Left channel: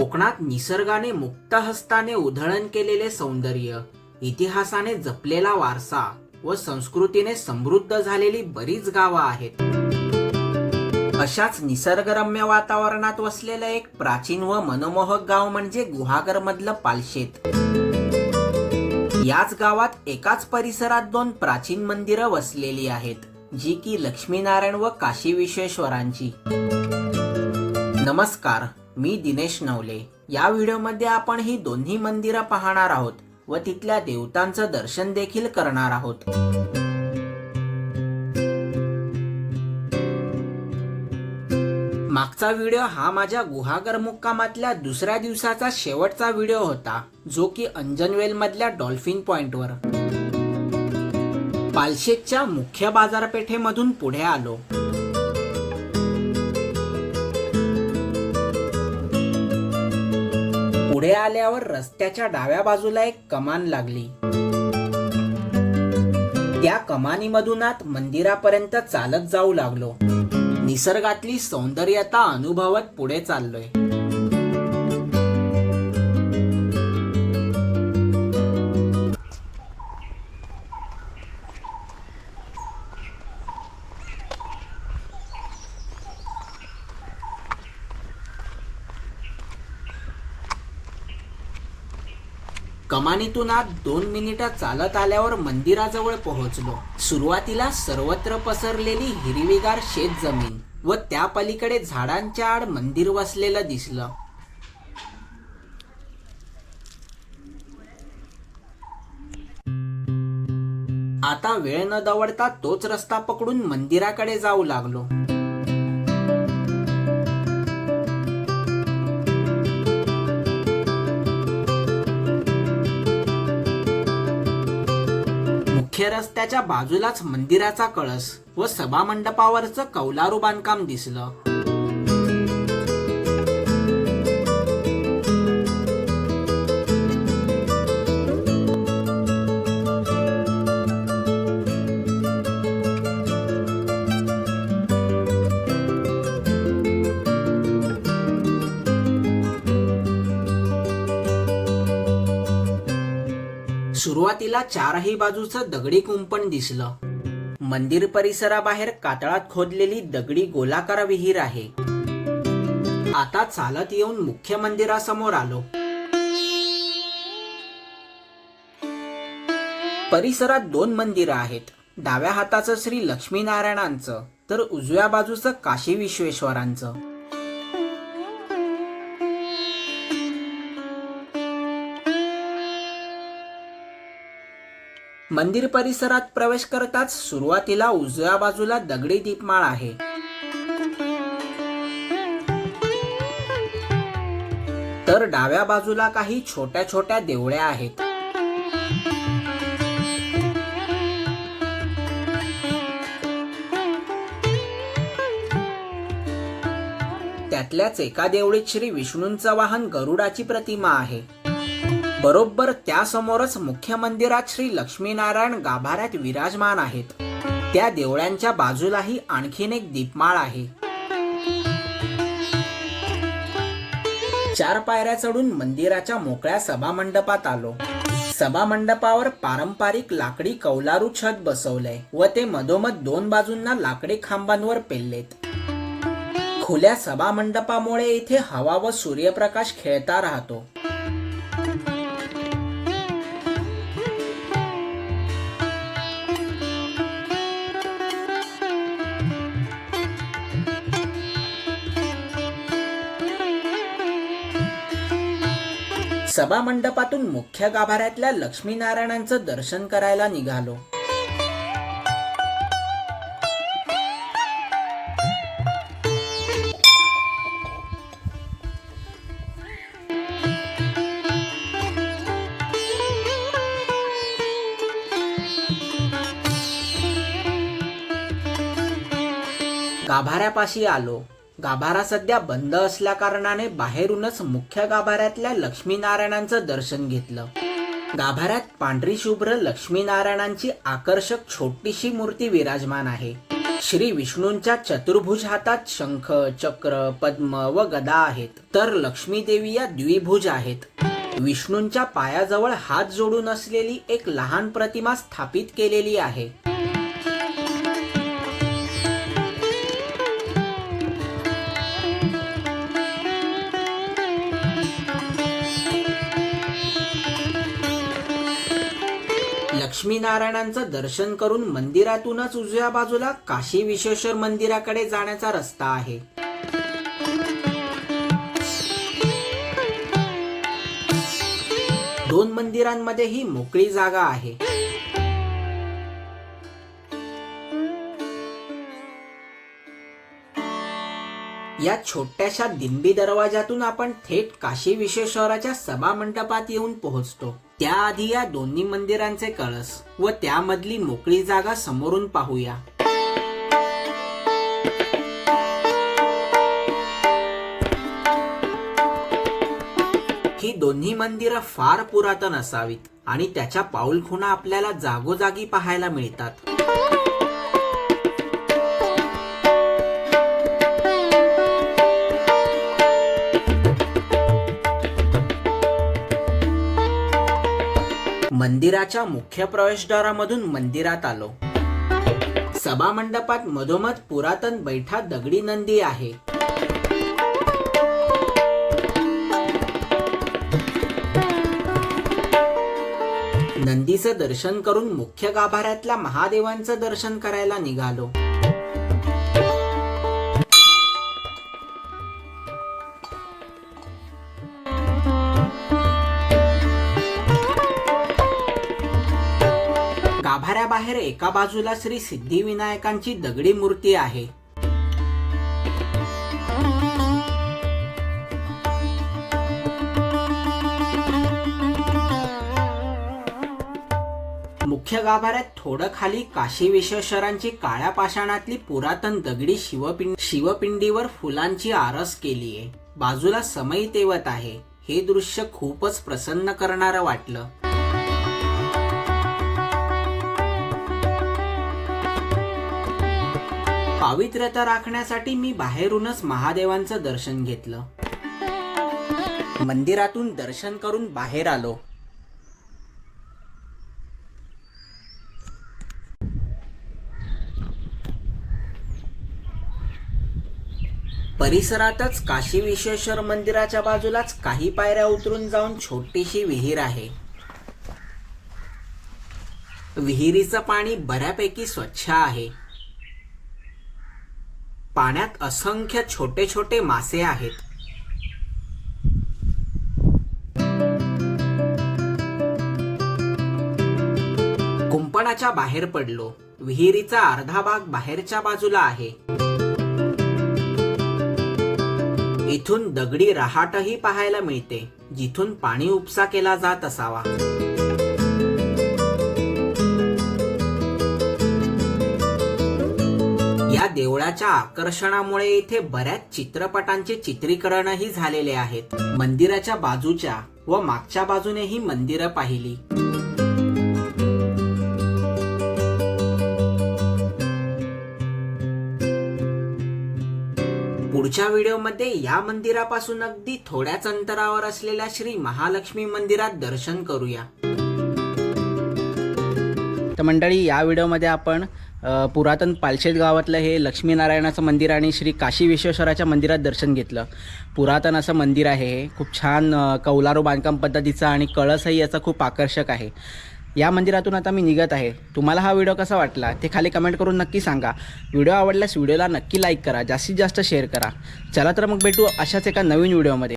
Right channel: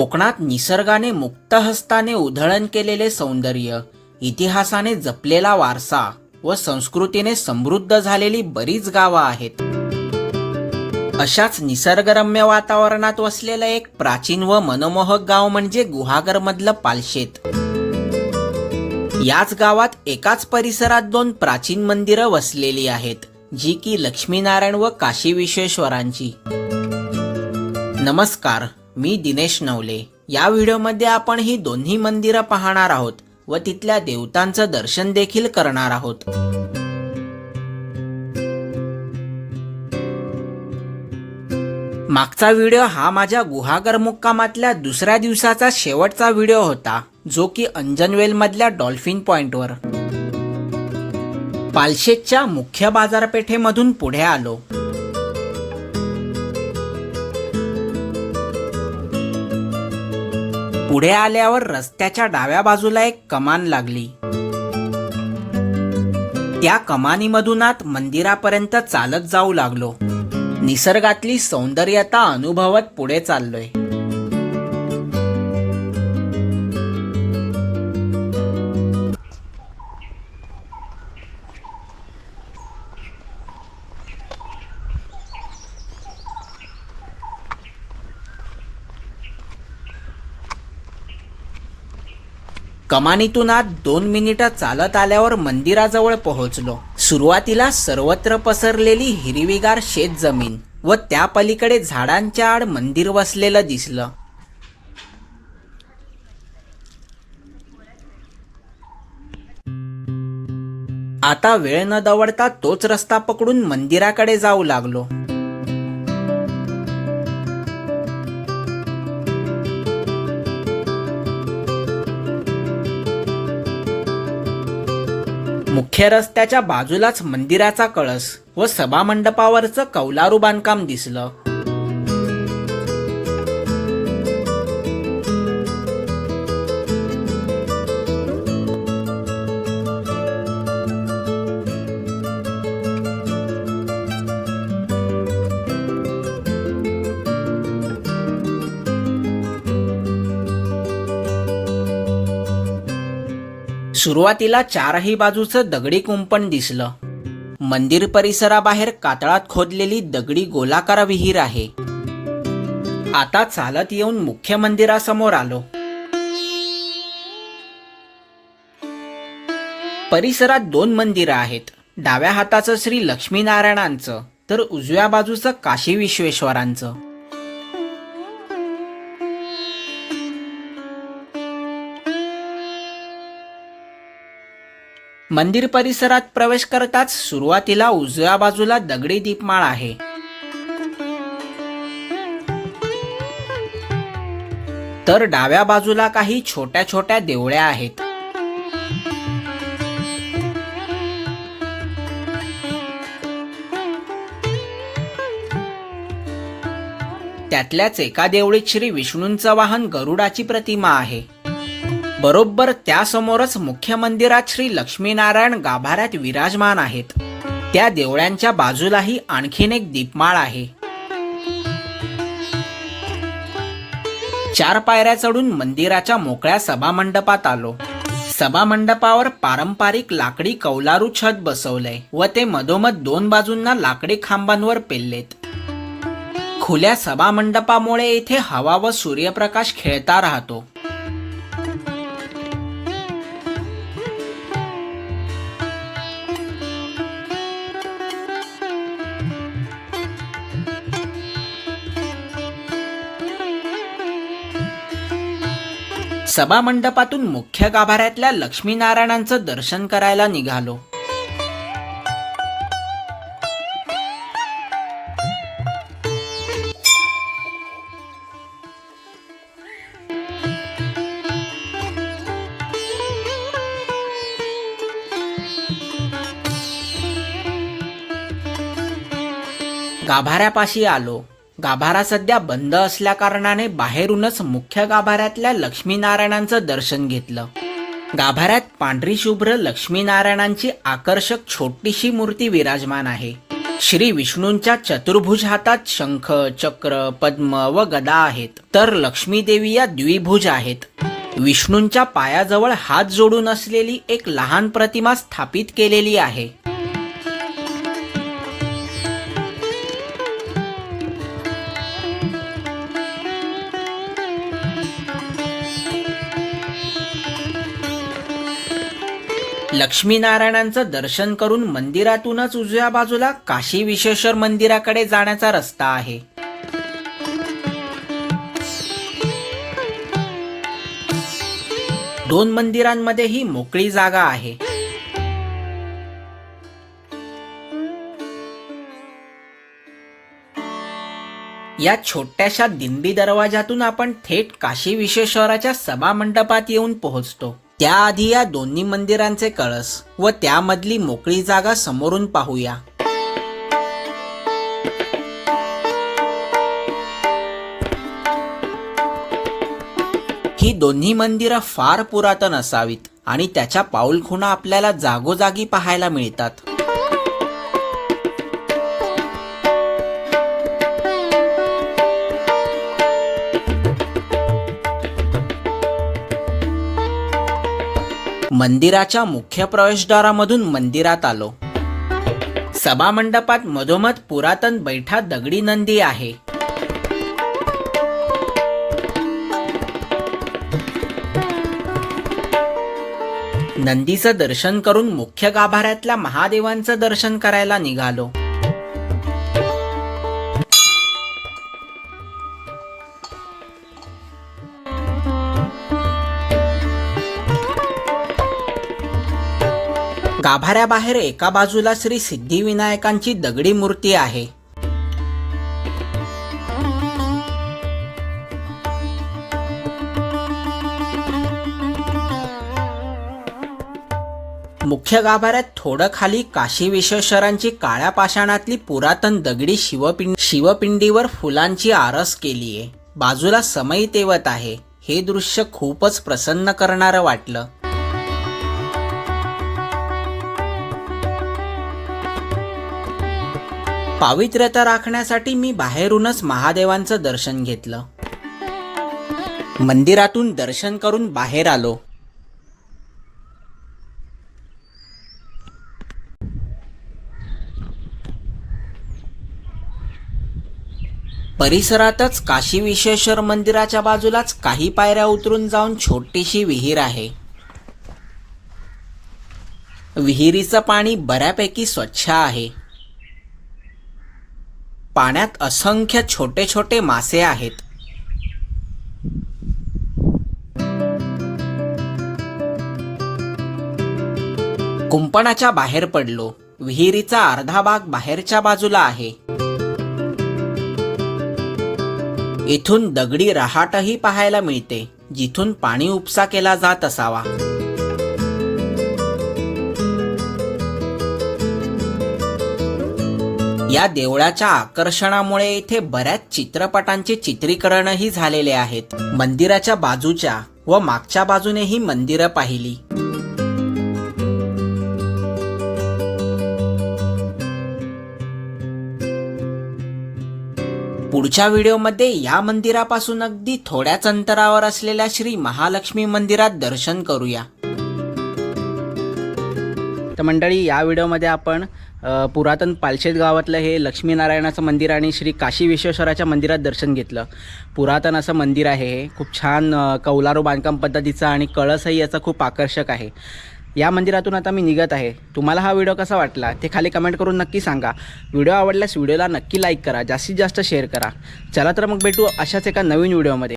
कोकणात निसर्गाने मुक्त हस्ताने उधळण केलेले सौंदर्य, इतिहासाने जपलेला वारसा व संस्कृतीने समृद्ध झालेली बरीच गावं आहेत. अशाच निसर्गरम्य वातावरणात वसलेलं एक प्राचीन व मनमोहक गाव म्हणजे गुहागरमधलं पालशेत. याच गावात एकाच परिसरात दोन प्राचीन मंदिरं वसलेली आहेत, जी की लक्ष्मीनारायण व काशी विश्वेश्वरांची. नमस्कार, मी दिनेश नवले. या व्हिडिओमध्ये आपण ही दोन्ही मंदिरं पाहणार आहोत व तिथल्या देवतांचं दर्शन देखील करणार आहोत. मागचा व्हिडिओ हा माझ्या गुहागर मुक्कामातल्या दुसऱ्या दिवसाचा शेवटचा व्हिडिओ होता, जो की अंजनवेल मधल्या डॉल्फिन पॉइंटवर. पालशेतच्या मुख्य बाजारपेठेमधून पुढे आलो. पुढे आल्यावर रस्त्याच्या डाव्या बाजूला एक कमान लागली. त्या कमानीमधून आत मंदिरापर्यंत चालत जाऊ लागलो. निसर्गातली सौंदर्यता अनुभवत पुढे चाललोय. कमानीतून आत 2 मिनिटं चालत आल्यावर मंदिराजवळ पोहोचलो. सुरुवातीला सर्वत्र पसरलेली हिरवीगार शेत जमीन व त्या पलीकडे झाडांच्या आड मंदिर वसलेलं दिसलं. आता वेळ न दवडता तोच रस्ता पकडून मंदिराकडे जाऊ लागलो. मुख्य रस्त्याच्या बाजूलाच मंदिराचा कळस व सभामंडपावरचं कौलारू बांधकाम दिसलं. सुरुवातीला चारही बाजूचं दगडी कुंपण दिसलं. मंदिर परिसराबाहेर कातळात खोदलेली दगडी गोलाकार विहीर आहे. आता चालत येऊन मुख्य मंदिरासमोर आलो. परिसरात 2 मंदिरं आहेत. डाव्या हाताचं श्री लक्ष्मीनारायणांचं तर उजव्या बाजूचं काशी विश्वेश्वरांचं. मंदिर परिसरात प्रवेश करताच सुरुवातीला उजव्या बाजूला दगडी दीपमाळ आहे. तर डाव्या बाजूला काही छोट्या छोट्या देवळ्या आहेत. त्यातल्याच एका देवळीत श्री विष्णूंचं वाहन गरुडाची प्रतिमा आहे. बरोबर त्यासमोरच मुख्य मंदिरात श्री लक्ष्मीनारायण गाभाऱ्यात विराजमान आहेत. त्या देवळ्यांच्या बाजूलाही आणखीन एक दीपमाळ आहे. 4 पायऱ्या चढून मंदिराच्या मोकळ्या सभामंडपात आलो. सभामंडपावर पारंपरिक लाकडी कौलारू छत बसवलंय व ते मधोमध 2 बाजूंना लाकडी खांबांवर पेललेत. खुल्या सभामंडपामुळे इथे हवा व सूर्यप्रकाश खेळता राहतो. सभामंडपातून मुख्य गाभाऱ्यातल्या लक्ष्मीनारायणांचं दर्शन करायला निघालो. गाभाऱ्यापाशी आलो. गाभारा सध्या बंद असल्या कारणाने बाहेरूनच मुख्य गाभाऱ्यातल्या लक्ष्मीनारायणांचं दर्शन घेतलं. गाभाऱ्यात पांढरी शुभ्र लक्ष्मीनारायणांची आकर्षक छोटीशी मूर्ती विराजमान आहे. श्री विष्णूंच्या चतुर्भुज हातात शंख, चक्र, पद्म व गदा आहेत, तर लक्ष्मी देवी या द्विभुज आहेत. विष्णूंच्या पायाजवळ हात जोडून असलेली एक लहान प्रतिमा स्थापित केलेली आहे. लक्ष्मीनारायणांचं दर्शन करून मंदिरातूनच उजव्या बाजूला काशी विश्वेश्वर मंदिराकडे जाण्याचा रस्ता आहे. दोन मंदिरांमध्येही मोकळी जागा आहे. या छोट्याशा दिंडी दरवाजातून आपण थेट काशी विश्वेश्वराच्या सभा मंडपात येऊन पोहोचतो. त्याआधी या दोन्ही मंदिरांचे कळस व त्यामधली मोकळी जागा समोरून पाहूया. ही दोन्ही मंदिरं फार पुरातन असावीत आणि त्याच्या पाऊलखुणा आपल्याला जागोजागी पाहायला मिळतात. मंदिराच्या मुख्य प्रवेशद्वारामधून मंदिरात आलो. सभा मंडपात मधोमध पुरातन बैठा दगडी नंदी आहे. नंदीचं दर्शन करून मुख्य गाभाऱ्यातल्या महादेवांचं दर्शन करायला निघालो. गाभाऱ्याबाहेर एका बाजूला श्री सिद्धिविनायकांची दगडी मूर्ती आहे. मुख्य गाभाऱ्यात थोडं खाली काशी विश्वेश्वरांची काळ्या पाषाणातली पुरातन दगडी शिवपिंडीवर फुलांची आरस केलीये. बाजूला समई तेवत आहे. हे दृश्य खूपच प्रसन्न करणारं वाटलं. पावित्र्यता राखण्यासाठी मी बाहेरूनच महादेवांचं दर्शन घेतलं. मंदिरातून दर्शन करून बाहेर आलो. परिसरातच काशी विश्वेश्वर मंदिराच्या बाजूलाच काही पायऱ्या उतरून जाऊन छोटीशी विहीर आहे. विहिरीचं पाणी बऱ्यापैकी स्वच्छ आहे. पाण्यात असंख्य छोटे छोटे मासे आहेत. कुंपणाच्या बाहेर पडलो. विहिरीचा अर्धा भाग बाहेरच्या बाजूला आहे. इथून दगडी रहाटही पाहायला मिळते, जिथून पाणी उपसा केला जात असावा. या देवळाच्या आकर्षणामुळे इथे बऱ्याच चित्रपटांचे चित्रीकरणही झालेले आहेत. मंदिराच्या बाजूच्या व मागच्या बाजूनेही मंदिरं पाहिली. पुढच्या व्हिडिओमध्ये या मंदिरापासून अगदी थोड्याच अंतरावर असलेल्या श्री महालक्ष्मी मंदिरात दर्शन करूया. तर मंडळी, या व्हिडिओमध्ये आपण पुरातन पालशेत गावातलं हे लक्ष्मीनारायणाचं मंदिर आणि श्री काशी विश्वेश्वराच्या मंदिरात दर्शन घेतलं. पुरातन असं मंदिर आहे हे. खूप छान कौलारू बांधकाम पद्धतीचं आणि कळसही याचा खूप आकर्षक आहे. या मंदिरातून आता मी निघत आहे. तुम्हाला हा व्हिडिओ कसा वाटला ते खाली कमेंट करून नक्की सांगा. व्हिडिओ आवडल्यास व्हिडिओला नक्की लाईक करा, जास्तीत जास्त शेअर करा. चला तर मग भेटू अशाच एका नवीन व्हिडिओमध्ये.